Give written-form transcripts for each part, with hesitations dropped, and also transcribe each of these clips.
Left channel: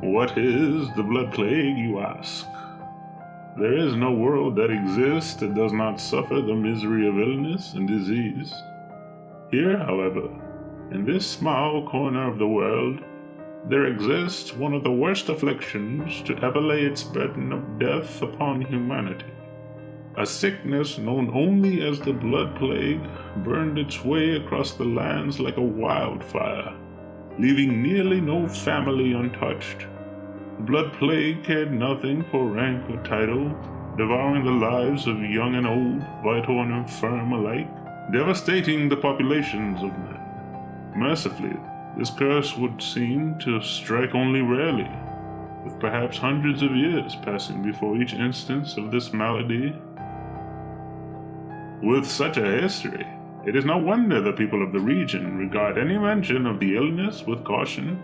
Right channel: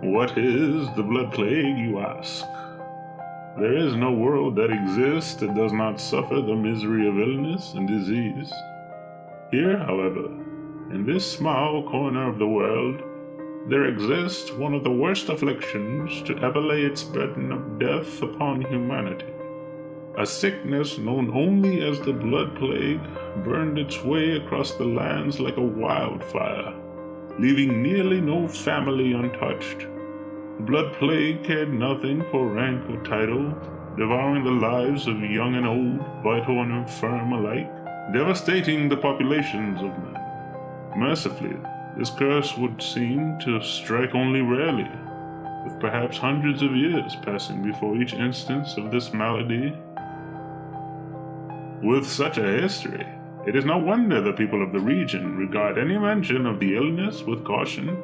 What is the blood plague, you ask? There is no world that exists that does not suffer the misery of illness and disease. Here, however, in this small corner of the world, there exists one of the worst afflictions to ever lay its burden of death upon humanity. A sickness known only as the blood plague burned its way across the lands like a wildfire, leaving nearly no family untouched. The blood plague cared nothing for rank or title, devouring the lives of young and old, vital and infirm alike, devastating the populations of men. Mercifully, this curse would seem to strike only rarely, with perhaps hundreds of years passing before each instance of this malady. With such a history, it is no wonder the people of the region regard any mention of the illness with caution,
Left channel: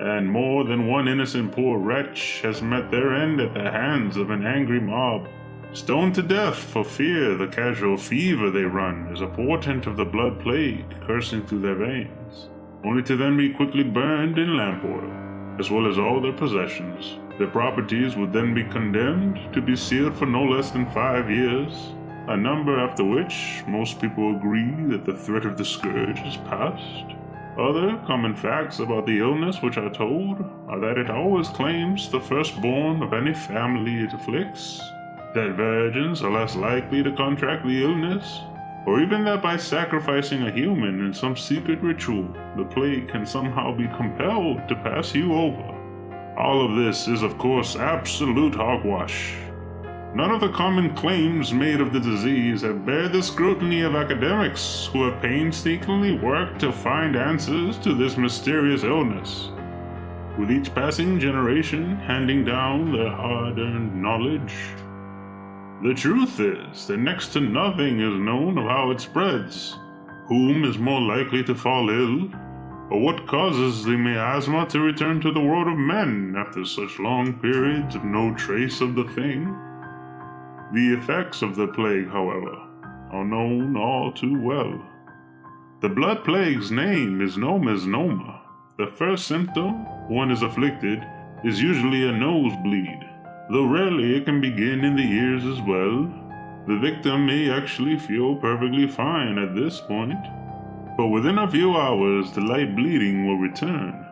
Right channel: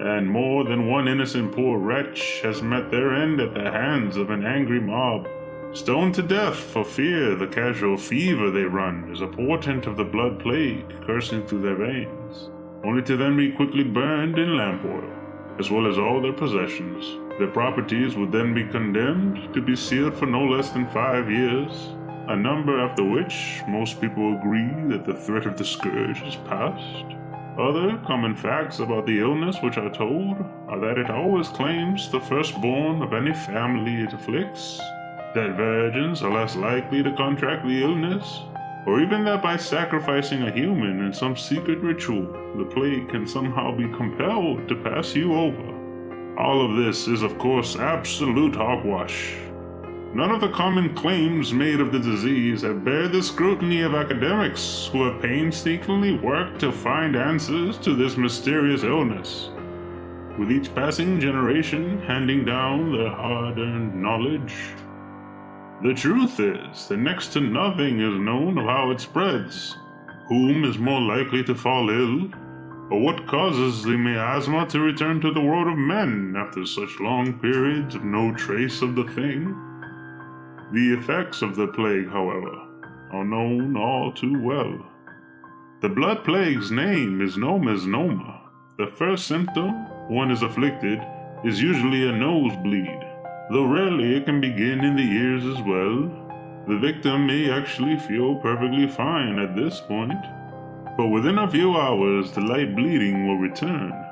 and more than one innocent poor wretch has met their end at the hands of an angry mob, stoned to death for fear the casual fever they run is a portent of the blood plague coursing through their veins, only to then be quickly burned in lamp oil, as well as all their possessions. Their properties would then be condemned to be sealed for no less than 5 years, a number after which most people agree that the threat of the scourge is past. Other common facts about the illness which are told are that it always claims the firstborn of any family it afflicts, that virgins are less likely to contract the illness, or even that by sacrificing a human in some secret ritual, the plague can somehow be compelled to pass you over. All of this is, of course, absolute hogwash. None of the common claims made of the disease have bared the scrutiny of academics who have painstakingly worked to find answers to this mysterious illness, with each passing generation handing down their hard-earned knowledge. The truth is that next to nothing is known of how it spreads, whom is more likely to fall ill, or what causes the miasma to return to the world of men after such long periods of no trace of the thing. The effects of the plague, however, are known all too well. The blood plague's name is no misnomer. The first symptom one is afflicted is usually a nosebleed, though rarely it can begin in the ears as well. The victim may actually feel perfectly fine at this point, but within a few hours the light bleeding will return.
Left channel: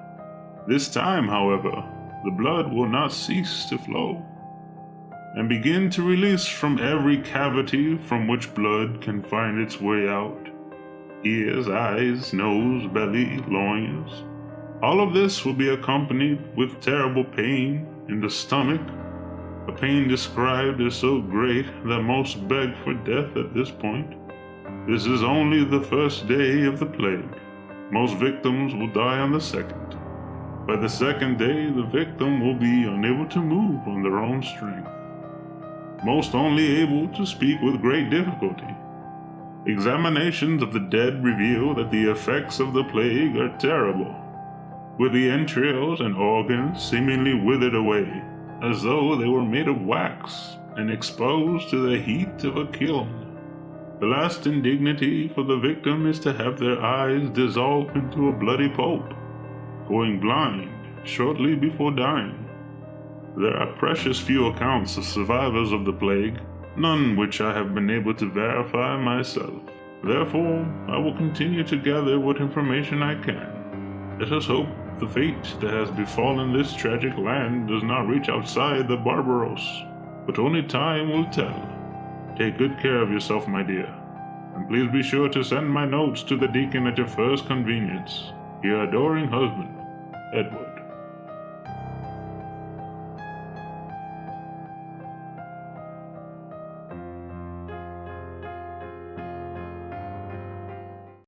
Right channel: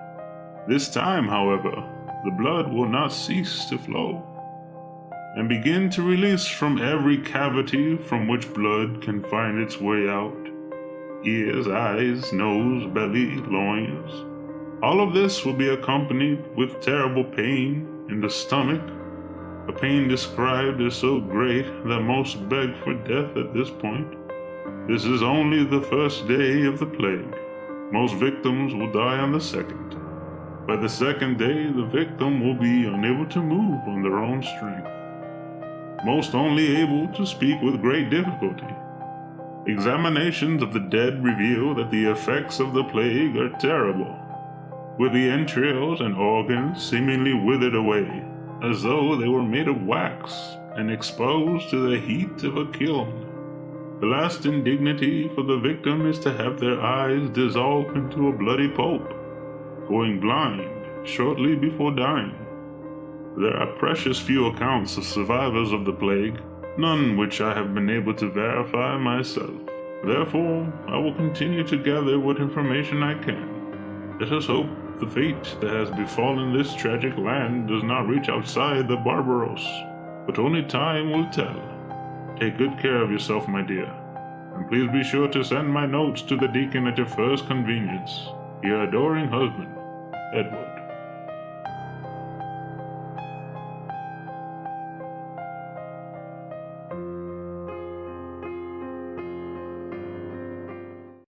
This time, however, the blood will not cease to flow, and begin to release from every cavity from which blood can find its way out. Ears, eyes, nose, belly, loins. All of this will be accompanied with terrible pain in the stomach, a pain described as so great that most beg for death at this point. This is only the first day of the plague. Most victims will die on the second. By the second day, the victim will be unable to move on their own strength, most only able to speak with great difficulty. Examinations of the dead reveal that the effects of the plague are terrible, with the entrails and organs seemingly withered away, as though they were made of wax and exposed to the heat of a kiln. The last indignity for the victim is to have their eyes dissolve into a bloody pulp, going blind shortly before dying. There are precious few accounts of survivors of the plague, none which I have been able to verify myself. Therefore, I will continue to gather what information I can. Let us hope the fate that has befallen this tragic land does not reach outside the barbaros, but only time will tell. Take good care of yourself, my dear, and please be sure to send my notes to the deacon at your first convenience. Your adoring husband, Edward.